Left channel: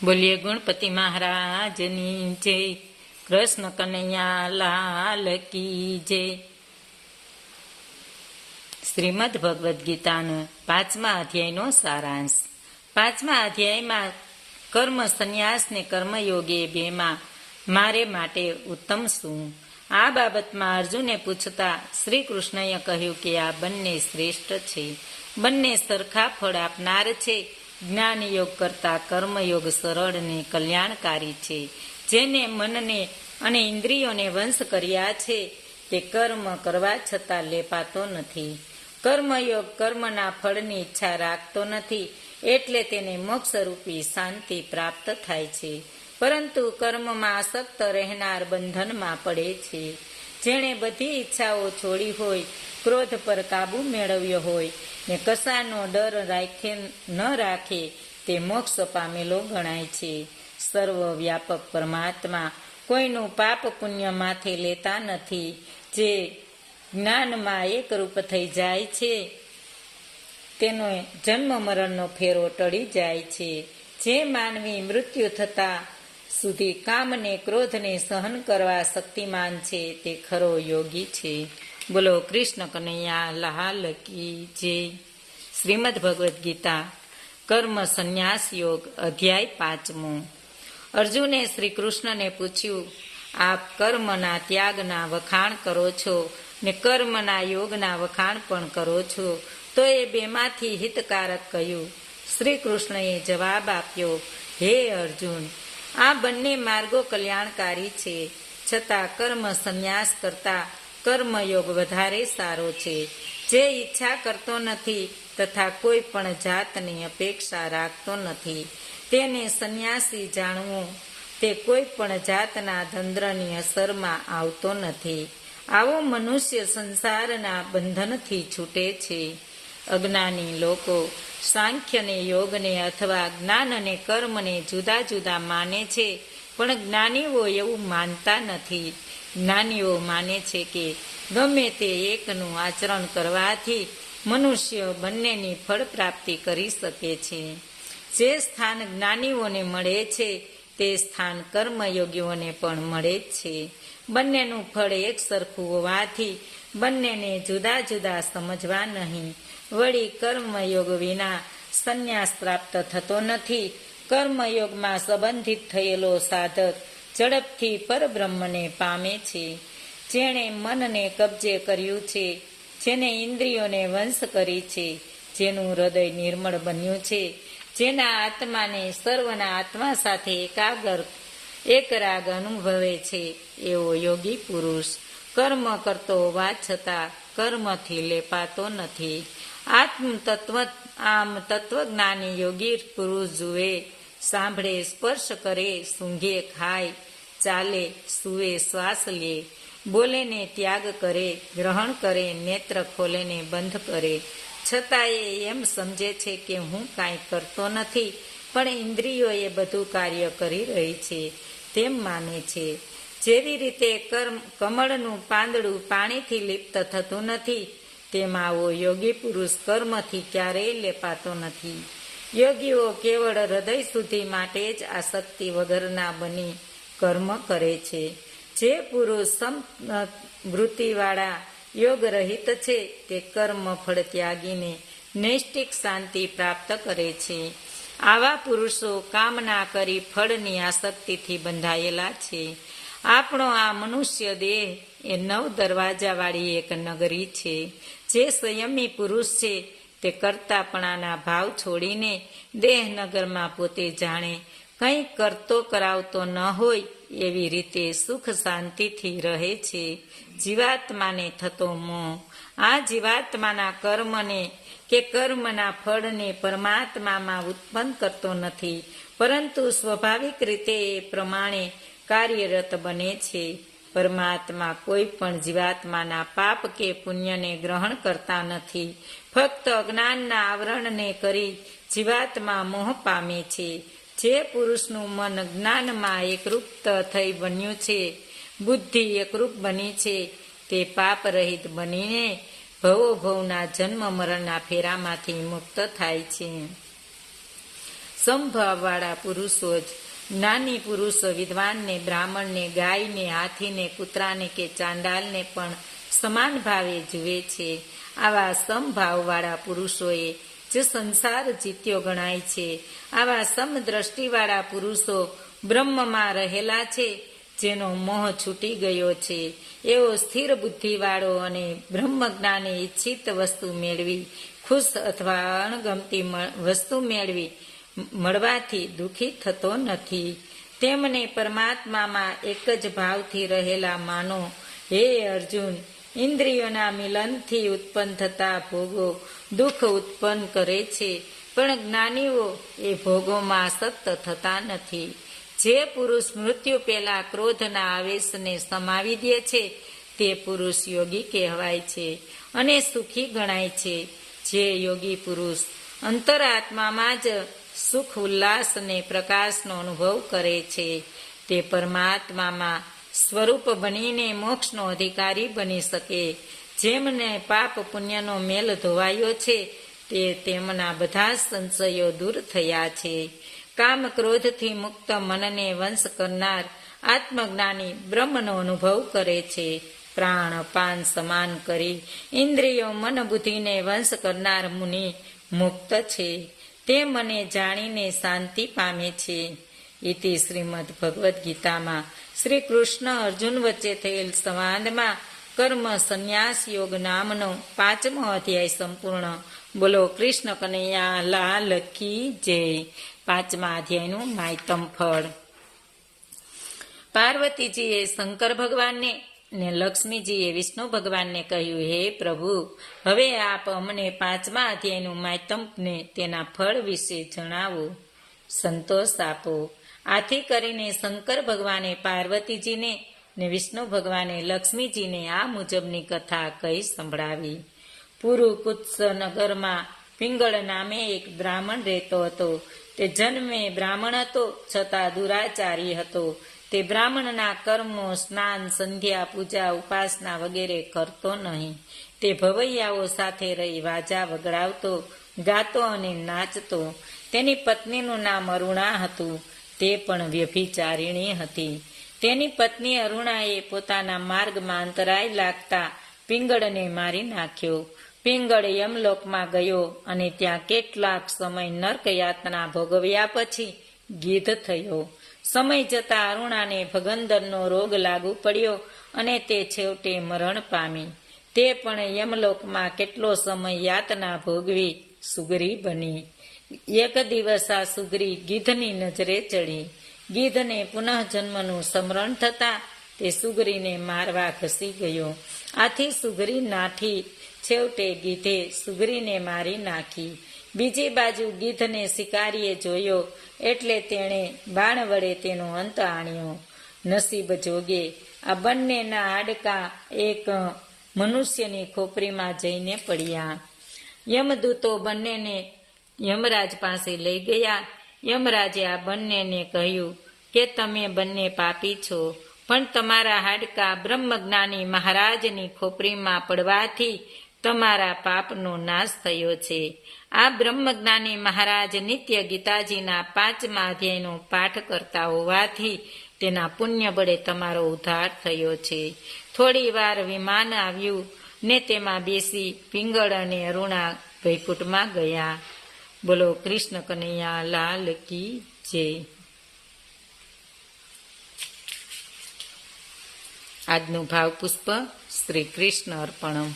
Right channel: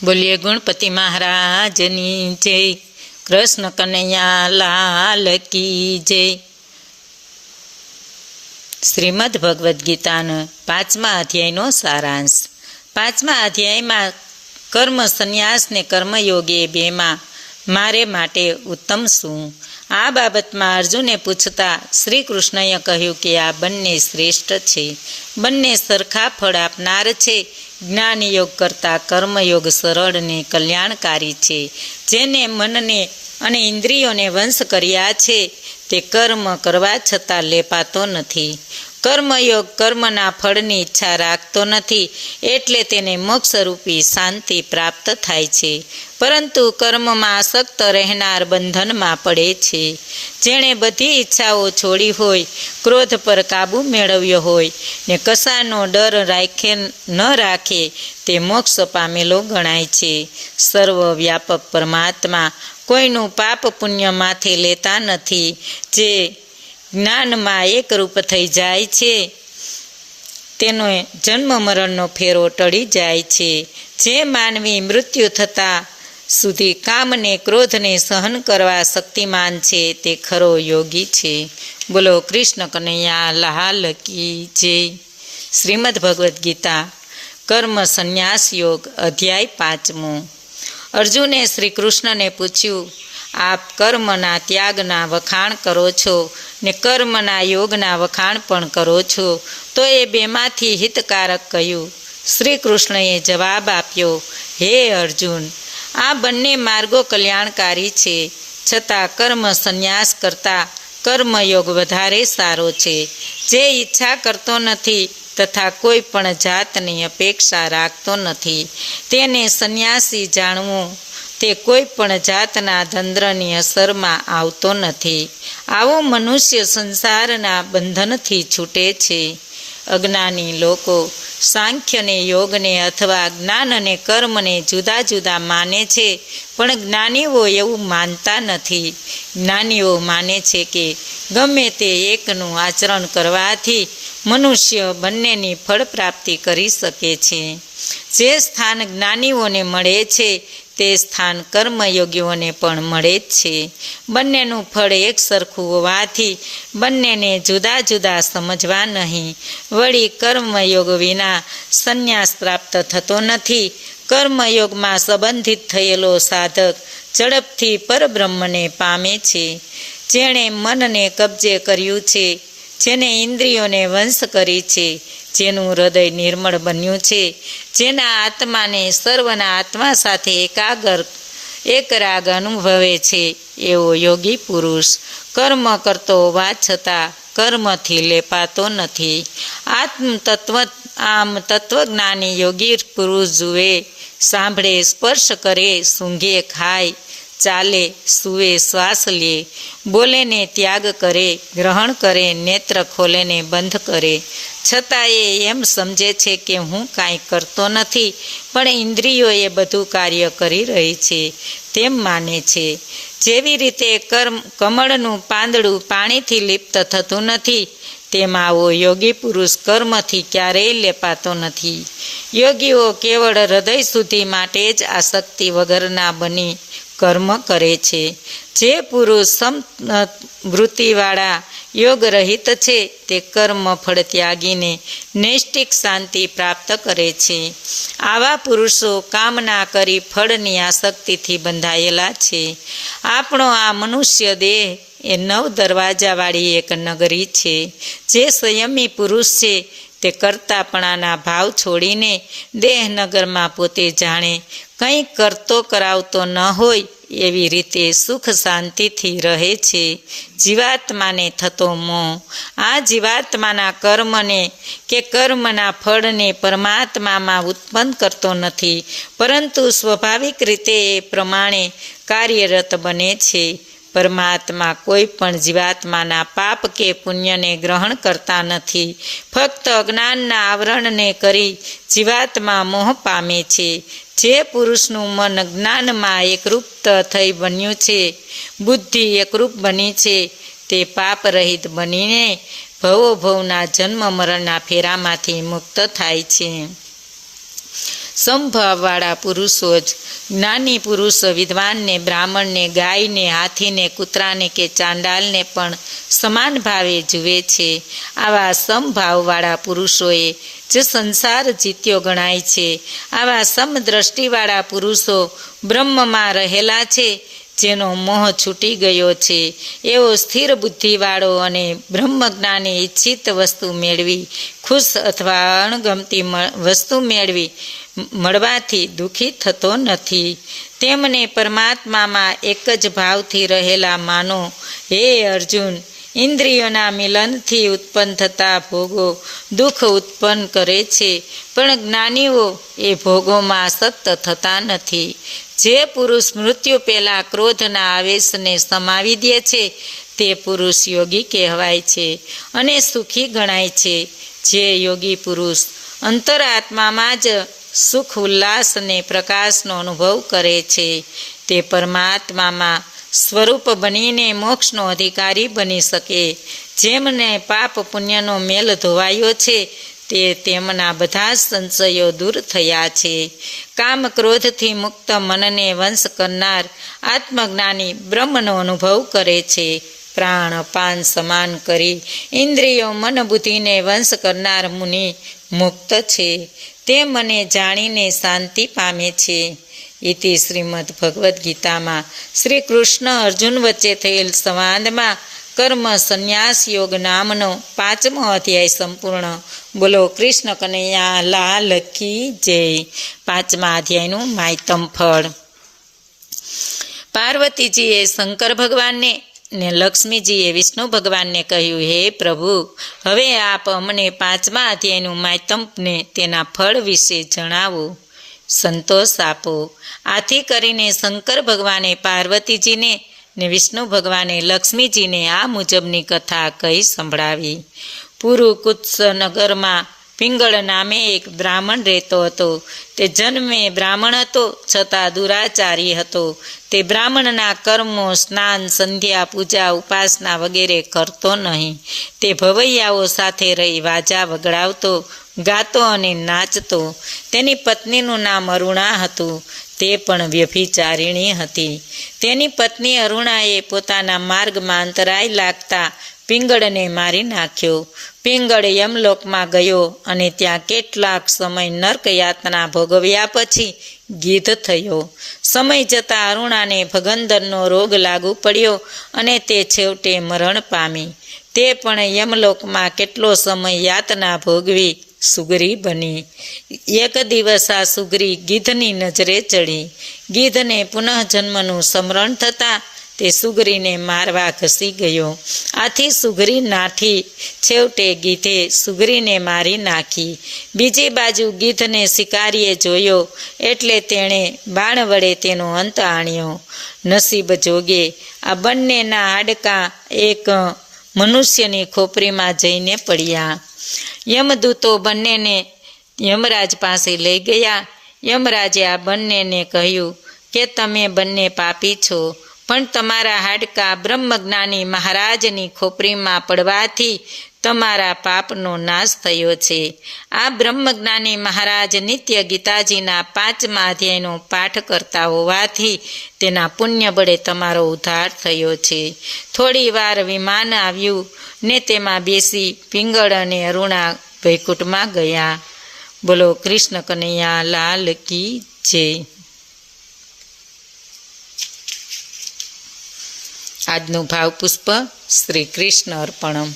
બોલીએ ગણપતિ મહારાજની જય, કૃષ્ણ કનૈયા લાલ કી જય. શ્રીમદ ભગવદ્ ગીતાનો 5મા અધ્યાયનો સારાંશ. 5મા અધ્યાયમાં કર્મ સંન્યાસ ને કર્મયોગે બેમાં મારે માટે ઉત્તમ શું? આ બાબતમાં અર્જુને પૂછતા શ્રી કૃષ્ણએ કહ્યું કે આ બંને શ્રેષ્ઠ છે, બંને સરખા ફળ આપનાર છે. જ્ઞાનયોગ કરતાં કર્મયોગ સરળ ને કલ્યાણકારી છે. જેને મનને અને ઇન્દ્રિયોને વંશ કર્યા છે તે કર્મ કરવા છતાં લેપાતો નથી. કર્મયોગ કર્મના ફળની ઈચ્છા રાખતો નથી, એટલે તેને મોક્ષરૂપી શાંતિ પ્રાપ્ત થાય છે. પરંતુ કર્મમાં આસક્ત રહેનાર બંધનમાં પડે છે. જેણે બધી ઈચ્છાઓ છોડી હોય, ક્રોધ પર કાબૂ મેળવ્યો હોય ને કશાનો ડર ન રાખે તે મોક્ષ પામેલો ગણાય છે. સર્વવ્યાપક પરમાત્મા કોઈનું પાપ પુણ્ય માથે લેતા નથી. જે જ્ઞાનમાં એકરૂપ થઈ જાય છે તેનો જન્મ મરણનો ફેરો ટળી જાય છે. જે માનવી મૃત્યુ થતાં સુધી કામને ક્રોધને સહન કરવા શક્તિમાન છે તે ખરો યોગી છે. બોલો કૃષ્ણ કનૈયા લાલ કી જય. શ્રીમદ ભગવદ્ ગીતા કર્મ સંન્યાસ યોગ અધ્યાય 5મો. અર્જુને શ્રી કૃષ્ણને પૂછ્યું, આપ કર્મના ત્યાગના વખાણ કરો છો ને કર્મના યોગના વખાણ પણ કરો છો, તો એ બેમાંથી હિતકારક કયું? શ્રી કૃષ્ણએ જવાબ આપ્યો, હે અર્જુન, આ બંને માર્ગો કલ્યાણકારી છે, છતાં કર્મ સંન્યાસ કરતાં કર્મયોગ વધારે સારો છે. જે ઈચ્છા કરતો નથી તથા કોઈ પણ જાતની અપેક્ષા રાખતો નથી તેને સંન્યાસી જાણવું. તે કોઈ પણ જાતના દંદ્રની અસરમાં આવતો નથી. આવો મનુષ્ય સંસારના બંધનથી છૂટે છે. અજ્ઞાની લોકો સાંખ્યને યોગને અથવા જ્ઞાન અને કર્મને જુદા જુદા માને છે, પણ જ્ઞાનીઓ એવું માનતા નથી. જ્ઞાનીઓ માને છે કે ગમે તે એકનું આચરણ કરવાથી મનુષ્ય બંનેની ફળ પ્રાપ્તિ કરી શકે છે. જે સ્થાન જ્ઞાનીઓને મળે છે તે સ્થાન કર્મયોગીઓને પણ મળે જ છે. બંનેનું ફળ એક સરખું હોવાથી બંનેને જુદા જુદા સમજવા નહીં. વળી કર્મયોગ વિના સંન્યાસ પ્રાપ્ત થતો નથી. કર્મયોગમાં સંબંધિત થયેલો સાધક ઝડપથી પરબ્રહ્મને પામે છે. જેણે મનને કબજે કર્યું છે, જેને ઇન્દ્રિયોને વંશ કરી છે, જેનું હૃદય નિર્મળ બન્યું છે, જેના આત્માને સર્વના આત્મા સાથે એકરાગ અનુભવે છે, એવો યોગી પુરુષ કર્મ કરતો હોવા છતાં કર્મથી લેપાતો નથી. આમ તત્વજ્ઞાની યોગી પુરુષ જુએ, સાંભળે, સ્પર્શ કરે, સૂંઘે, ખાય, ચાલે, સૂવે, શ્વાસ લે, બોલે ને ત્યાગ કરે, ગ્રહણ કરે, નેત્ર ખોલે ને બંધ કરે, છતાં એ એમ સમજે છે કે હું કાંઈ કરતો નથી, પણ ઇન્દ્રિયો એ બધું કાર્ય કરી રહી છે તેમ માને છે. જેવી રીતે કમળનું પાંદડું પાણીથી લિપ્ત થતું નથી, તેમ આવો યોગી પુરુષ કર્મથી ક્યારેય લેપાતો નથી. યોગીઓ કેવળ હૃદય શુદ્ધિ માટે જ આસક્તિ વગરના બની કર્મ કરે છે. જે પુરુષ સમવૃત્તિવાળા યોગ રહિત છે તે કર્મ ફળ ત્યાગીને નૈષ્ટિક શાંતિ પ્રાપ્ત કરે છે. આવા પુરુષો કામના કરી ફળની આસક્તિથી બંધાયેલા છે. આપણો આ મનુષ્ય દેહ એ 9 દરવાજાવાળી એક નગરી છે. જે સંયમી પુરુષ છે તે કરતાપણાના ભાવ છોડીને દેહનગરમાં પોતે જાણે કંઈ કરતો કરાવતો ન હોય એવી રીતે સુખ શાંતિથી રહે છે. જીવાત્માને થતો મોહ આ જીવાત્માના કર્મને કે કર્મના ફળને પરમાત્મામાં ઉત્પન્ન કરતો નથી, પરંતુ સ્વાભાવિક રીતે એ પ્રમાણે કાર્યરત બને છે. પરમાત્મા કોઈ પણ જીવાત્માના પાપ કે પુણ્યને ગ્રહણ કરતા નથી. ફક્ત અજ્ઞાનના આવરણને કરી જીવાત્મા મોહ પામે છે. જે પુરુષનું મન જ્ઞાનમાં એકરૂપ થઈ બન્યું છે, બુદ્ધિ એકરૂપ બની છે, તે પાપ રહિત બનીને ભવોભવના જન્મ મરણના ફેરામાંથી મુક્ત થાય છે. સમભાવવાળા પુરુષો જ જ્ઞાની પુરુષો વિદ્વાનને, બ્રાહ્મણને, ગાયને, હાથીને, કૂતરાને કે ચાંડાલને પણ સમાન ભાવે જુએ છે. આવા સમભાવવાળા પુરુષોએ જ સંસાર જીત્યો ગણાય છે. આવા સમદ્રષ્ટિવાળા પુરુષો બ્રહ્મમાં રહેલા છે, જેનો મોહ છૂટી ગયો છે. એવો સ્થિર બુદ્ધિવાળો અને બ્રહ્મજ્ઞાની ઈચ્છિત વસ્તુ મેળવી ખુશ અથવા અણગમતી વસ્તુ મળવાથી દુઃખી થતો નથી. તેમને પરમાત્મામાં એક જ ભાવથી રહેલા માનો. હે અર્જુન, ઇન્દ્રિયોના મિલનથી ઉત્પન્ન થતા ભોગો દુઃખ ઉત્પન્ન કરે છે, પણ જ્ઞાનીઓ એ ભોગોમાં સક્ત થતા નથી. જે પુરુષ મૃત્યુ પહેલાં ક્રોધના આવેશને સમાવી દે છે, તે પુરુષ યોગી કહેવાય છે અને સુખી ગણાય છે. જે યોગી પુરુષ અંતરાત્મામાં જ સુખ, ઉલ્લાસ અને પ્રકાશનો અનુભવ કરે છે, તે પરમાત્મામાં સ્વરૂપ બનીને મોક્ષનો અધિકારી બની શકે. જેમને પાપ પુણ્યનો મેલ ધોવાયો છે, તે તેમના બધા સંશયો દૂર થયા છે. કામ ક્રોધથી મુક્ત મનને વંશ કરનાર આત્મજ્ઞાની બ્રહ્મનો અનુભવ કરે છે. પ્રાણ અપાન સમાન કરી ઇન્દ્રિયો મન બુદ્ધિને વંશ કરનાર મુનિ મુક્ત છે. તે મને જાણીને શાંતિ પામે છે. ઇતિ શ્રીમદ ભગવદ્ ગીતામાં શ્રી કૃષ્ણ અર્જુન વચ્ચે થયેલ સંવાદમાં કર્મ સંન્યાસ યોગ નામનો 5મો અધ્યાય સંપૂર્ણ. બોલો કૃષ્ણ કનૈયા લાલ કી જય. 5મા અધ્યાયનું માયતમ ફળ. પાર્વતીજીએ શંકર ભગવાનને ને લક્ષ્મીજીએ વિષ્ણુ ભગવાનને કહ્યું, હે પ્રભુ, હવે આપ અમને 5મા અધ્યાયનું માયતમને તેના ફળ વિશે જણાવો, સંતોષ આપો. આથી કરીને શંકર ભગવાને પાર્વતીજીને ને વિષ્ણુ ભગવાને લક્ષ્મીજીને આ મુજબની કથા કહી સંભળાવી. પુરુકુત્સ નગરમાં પિંગળ નામે એક બ્રાહ્મણ રહેતો હતો. તે જન્મે બ્રાહ્મણ હતો, છતાં દુરાચારી હતો. તે બ્રાહ્મણના કર્મો, સ્નાન, સંધ્યા, પૂજા, ઉપાસના વગેરે કરતો નહીં. તે ભવૈયાઓ સાથે રહી વાજા વગડાવતો, ગાતો અને નાચતો. તેની પત્નીનું નામ અરુણા હતું. તે પણ વ્યભિચારિણી હતી. તેની પત્ની અરુણાએ પોતાના માર્ગમાં અંતરાય લાગતા પિંગળને મારી નાખ્યો. પિંગળ યમલોકમાં ગયો અને ત્યાં કેટલાક સમય નર્ક યાતના ભોગવ્યા પછી ગીધ થયો. સમય જતાં અરુણાને ભગંદરનો રોગ લાગુ પડ્યો અને તે છેવટે મરણ પામી. તે પણ યમલોકમાં કેટલો સમય યાતના ભોગવી સુગરી બની. એક દિવસ આ સુગરી ગીધની નજરે ચડી. ગીધને પુનઃજન્મનું સ્મરણ થતાં તે સુગરીને મારવા ઘસી ગયો. આથી સુગરી નાઠી. છેવટે ગીધે સુગરીને મારી નાખી. બીજી બાજુ ગીધને શિકારીએ જોયો એટલે તેણે બાણ વડે તેનો અંત આણ્યો. નસીબ જોગે આ બંનેના હાડકાં એક મનુષ્યની ખોપરીમાં જઈને પડ્યા. યમદૂતો બંનેને યમરાજ પાસે લઈ ગયા. યમરાજે આ બંનેને કહ્યું કે તમે બંને પાપી છો, પણ તમારા હાડકાં બ્રહ્મજ્ઞાની મહારાજની ખોપરીમાં પડવાથી તમારા પાપનો નાશ થયો છે. આ બ્રહ્મજ્ઞાની મહારાજ નિત્ય ગીતાજીના 5મા અધ્યાયનો પાઠ કરતા હોવાથી તેના પુણ્ય બળે તમારો ઉદ્ધાર થયો છે. થોડી વાર વિમાન આવ્યું ને તેમાં બેસી પિંગળ અને અરુણા વૈકુંઠમાં ગયા. બોલો કૃષ્ણ કનૈયા લાલ કી જય. આજનું ભાવપુષ્પ શ્રી કૃષ્ણ અર્પણમ.